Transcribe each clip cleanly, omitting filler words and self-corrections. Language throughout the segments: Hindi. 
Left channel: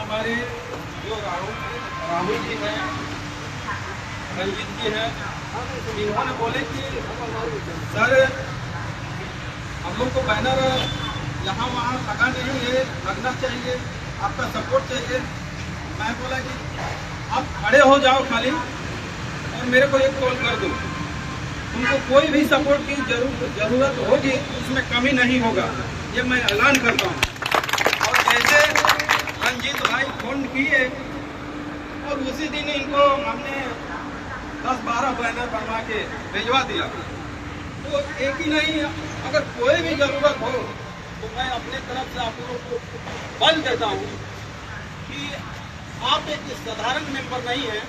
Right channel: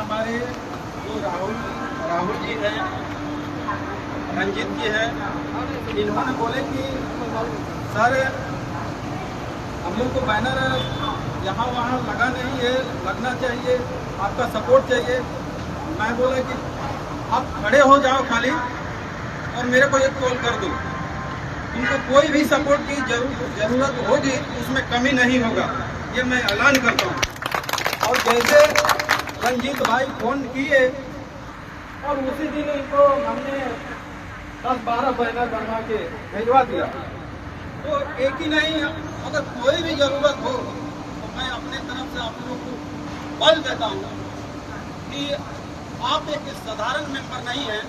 हमारे जो राहुल जी हैं, रंजीत जी हैं, इन्होंने बोले कि सर हम लोग को बैनर यहाँ वहाँ लगा नहीं है, लगना चाहिए, आपका सपोर्ट चाहिए। मैं बोला कि आप खड़े हो जाओ खाली और मेरे को एक कॉल कर दो, तुमको कोई भी सपोर्ट की जरूरत होगी उसमें कमी नहीं होगा, ये मैं ऐलान करता हूँ। और जैसे रंजीत भाई फोन किए और उसी दिन इनको हमने 10-12 बैनर बनवा के भिजवा दिया। तो एक ही नहीं, अगर कोई भी जरूरत हो तो मैं अपने तरफ से आप लोग को बल देता हूँ कि आप एक साधारण मेंबर नहीं हैं,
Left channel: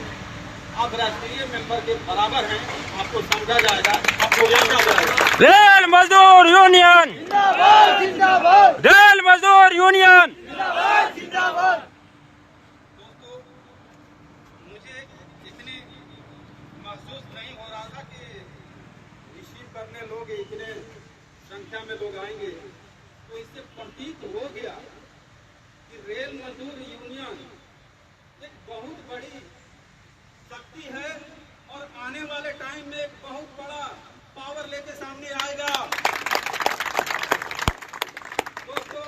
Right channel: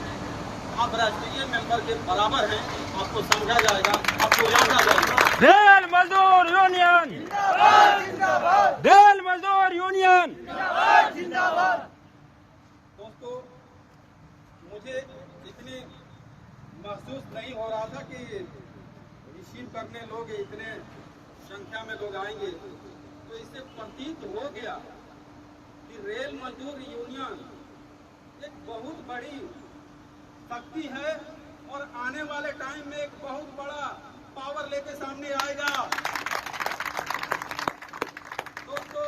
आप राष्ट्रीय मेंबर के बराबर हैं। आपको समझा जाएगा, आपको जाना जाएगा। रेल मजदूर यूनियन जिंदाबाद, जिंदाबाद। रेल मजदूर यूनियन जिंदाबाद, जिंदाबाद। दोस्तों, मुझे इतनी महसूस नहीं हो रहा था कि रिसीव करने लोग इतने संख्या में लोग आएंगे। तो इससे प्रतीत हो गया कि रेल मजदूर यूनियन एक बहुत बड़ी शक्ति है और आने वाले टाइम में एक बहुत बड़ा पावर लेके सामने आएगा। दोस्तों,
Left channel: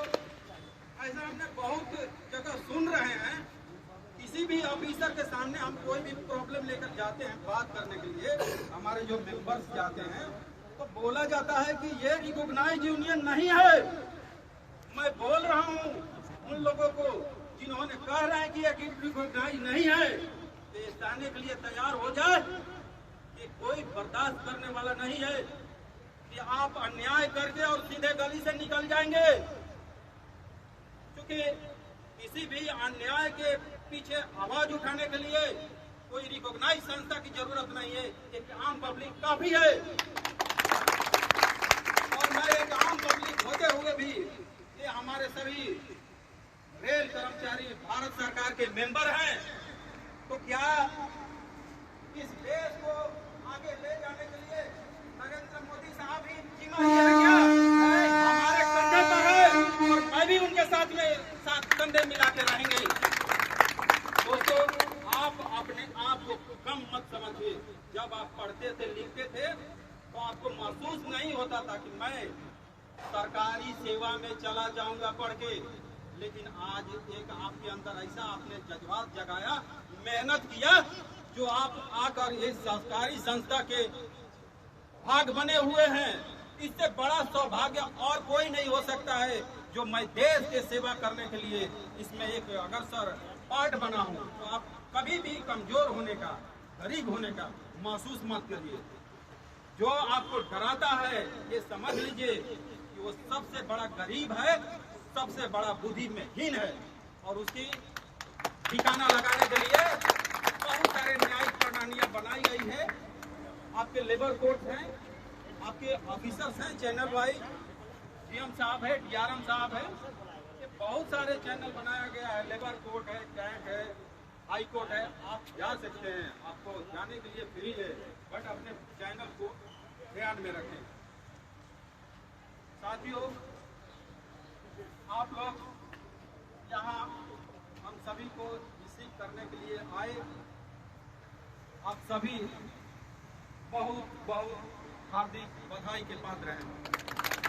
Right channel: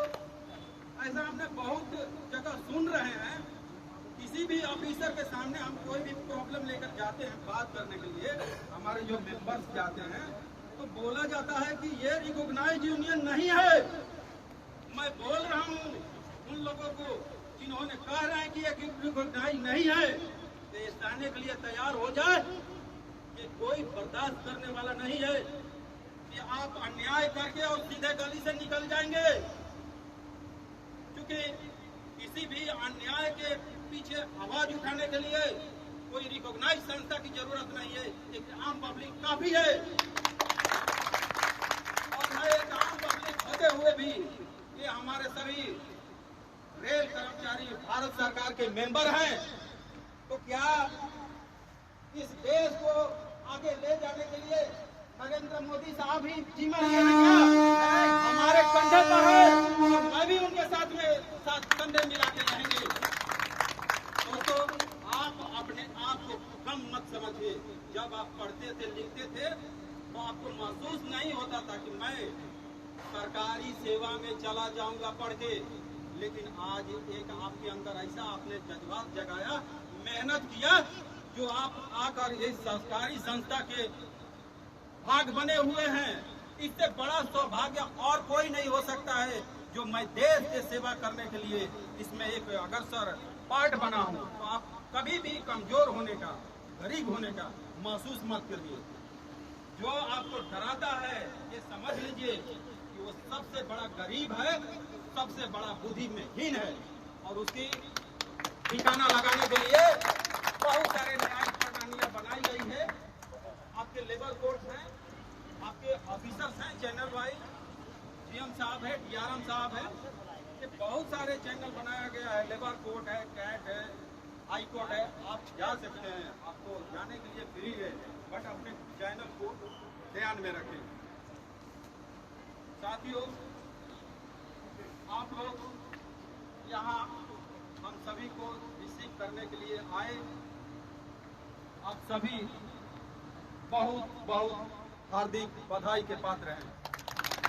ऐसा हमने बहुत जगह सुन रहे हैं, किसी भी ऑफिसर के सामने हम कोई भी प्रॉब्लम लेकर जाते हैं बात करने के लिए, हमारे जो मेंबर्स जाते हैं, तो बोला जाता है कि ये रिकॉग्नाइज यूनियन नहीं है। मैं बोल रहा हूँ उन लोगों को जिन्होंने कह रहे हैं कि ये रिकॉग्नाइज नहीं है, ये सहने के लिए तैयार हो जाए कि कोई बर्दाश्त करने वाला नहीं है कि आप अन्याय करके और सीधे गली से निकल जाएंगे। क्योंकि किसी भी अन्याय के पीछे आवाज उठाने के लिए कोई रिकॉग्नाइज संस्था की जरूरत नहीं है, एक आम पब्लिक काफी है। और मैं एक आम पब्लिक होते हुए भी ये हमारे सभी रेल कर्मचारी भारत सरकार के मेंबर हैं, तो क्या इस देश को आगे ले जाने के लिए नरेंद्र मोदी साहब ही जिम्मेदार है क्या? हमारे कंधे पर है और मैं भी उनके साथ कंधे मिला के रहेंगे। दोस्तों, आप अपने आप को कम मत समझिए। जब आप पढ़ते थे, लिखते थे, तो आपको महसूस नहीं होता था कि मैं सरकारी सेवा में चला जाऊंगा पढ़ के। लेकिन आज एक आपके अंदर ऐसा आपने जज्बात जगाया, मेहनत किया, जो आप आकर इस सरकारी संस्था के भाग बने हुए हैं। इससे बड़ा सौभाग्य और कोई नहीं हो सकता है जो मैं देश के सेवा करने के लिए इसमें एक अग्रसर पार्ट बना हूं। तो आप कभी भी कमजोर होने का, गरीब होने का महसूस मत करिए। जो आपको डराता है ये समझ लीजिए कि वो सबसे बड़ा गरीब है, सबसे बड़ा बुद्धि में हीन है। और उसकी ठिकाना लगाने के लिए बहुत सारे न्यायिक प्रणालियां बनाई गई है। आपके लेबर कोर्ट हैं, आपके ऑफिसर्स हैं, चैनल वाइज सीएम साहब है, डीआरएम साहब है, ये बहुत सारे चैनल बनाया गया है। लेबर कोर्ट है, कैट है, हाई कोर्ट है, आप जा सकते हैं, आपको जाने के लिए फ्री है, बट अपने चैनल को ध्यान में रखें। साथियों, आप लोग यहाँ हम सभी को रिसीव करने के लिए आए, आप सभी बहुत बहुत हार्दिक बधाई के पात्र हैं।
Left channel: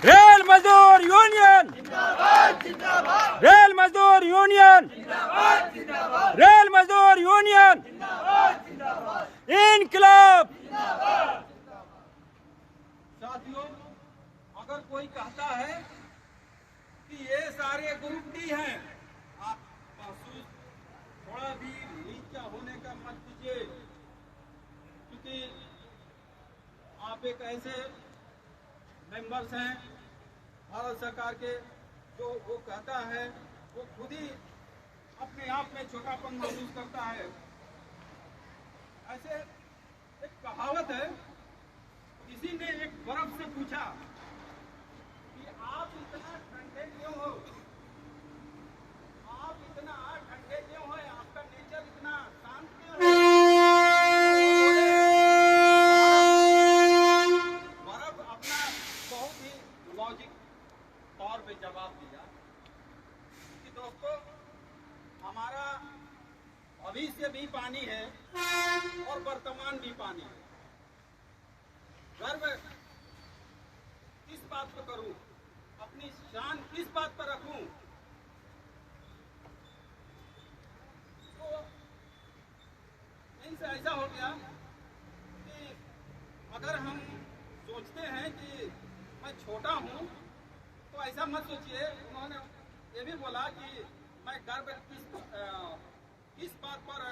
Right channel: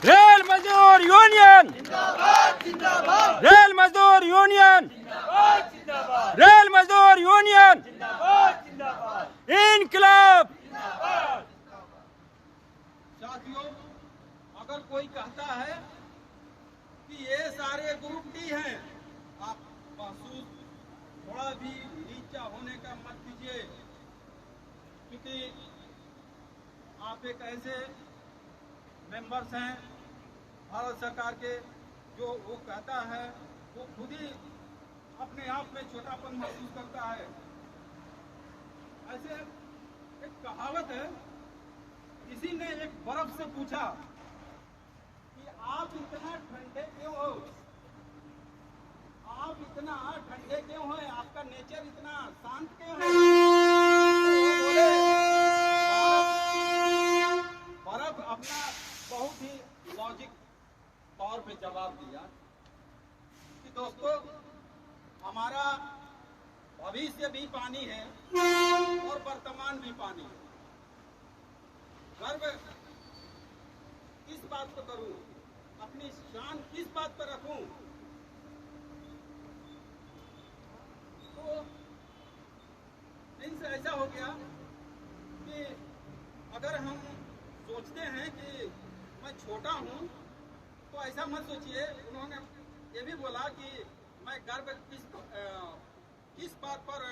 रेल मजदूर यूनियन जिंदाबाद, जिंदाबाद। रेल मजदूर यूनियन जिंदाबाद, जिंदाबाद। रेल मजदूर यूनियन जिंदाबाद, जिंदाबाद। इनकलाब। साथियों, अगर कोई कहता है कि ये सारे ग्रुप डी हैं, आप महसूस थोड़ा भी नीचा होने का मत कीजिए, क्योंकि आप एक ऐसे मेंबर्स हैं भारत सरकार के, जो वो कहता है वो खुद ही अपने आप में छोटापन महसूस करता है। ऐसे एक कहावत है, किसी ने एक बर्फ से पूछा कि आप इतना ठंडे क्यों हो, आप इतना ठंडे क्यों हैं, आपका नेचर इतना शांत क्यों है? बर्फ अपना बहुत ही लॉजिक तौर पे जवाब दिया कि दोस्तों, हमारा भविष्य भी पानी है और वर्तमान भी पानी है। गर्व किस बात पर करूं, अपनी शान किस बात पर रखूं? तो इनसे ऐसा हो गया कि अगर हम सोचते हैं कि मैं छोटा हूं तो ऐसा मत सोचिए। उन्होंने ये भी बोला कि मैं गर्व किस बात पर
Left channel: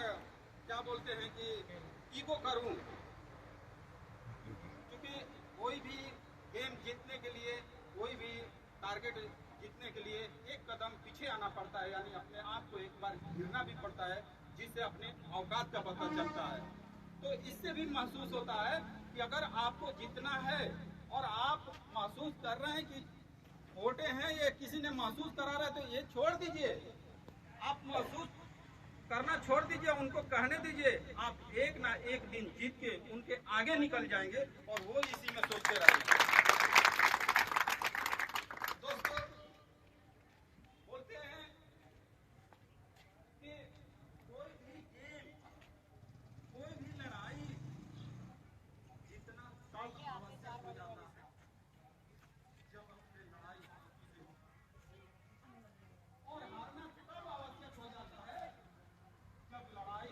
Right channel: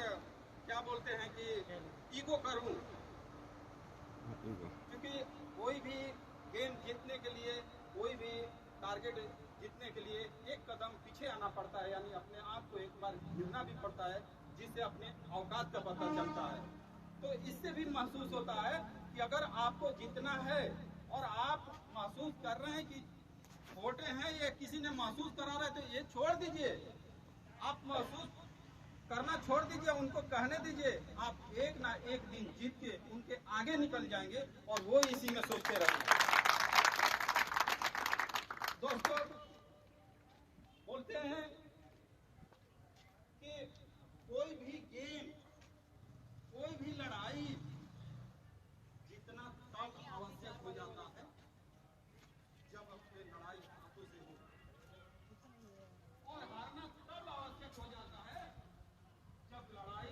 क्या बोलते हैं कि ईगो करूं, क्योंकि कोई भी गेम जीतने के लिए, कोई भी टारगेट जीतने के लिए एक कदम पीछे आना पड़ता है, यानी अपने आप को एक बार गिरना भी पड़ता है, जिससे अपने औकात का पता चलता है। तो इससे भी महसूस होता है कि अगर आपको जीतना है और आप महसूस कर रहे हैं कि छोटे हैं, ये किसी ने महसूस करा रहा है, तो ये छोड़ दीजिए, आप महसूस करना छोड़ दीजिए, उनको कहने दीजिए, आप एक ना एक दिन जीत के उनके आगे निकल जाएंगे और वो इसी में सोचते रहेंगे। दोस्तों, बोलते हैं कि कोई भी गेम, कोई भी लड़ाई जीतना तब आवश्यक हो जाता है जब अपनी लड़ाई हाथों से हो, और हारना तब आवश्यक हो जाता है जब लड़ाई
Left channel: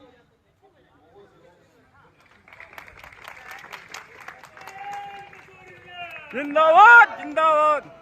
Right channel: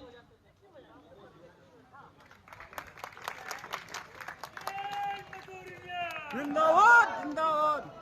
जिंदाबाद जिंदाबाद।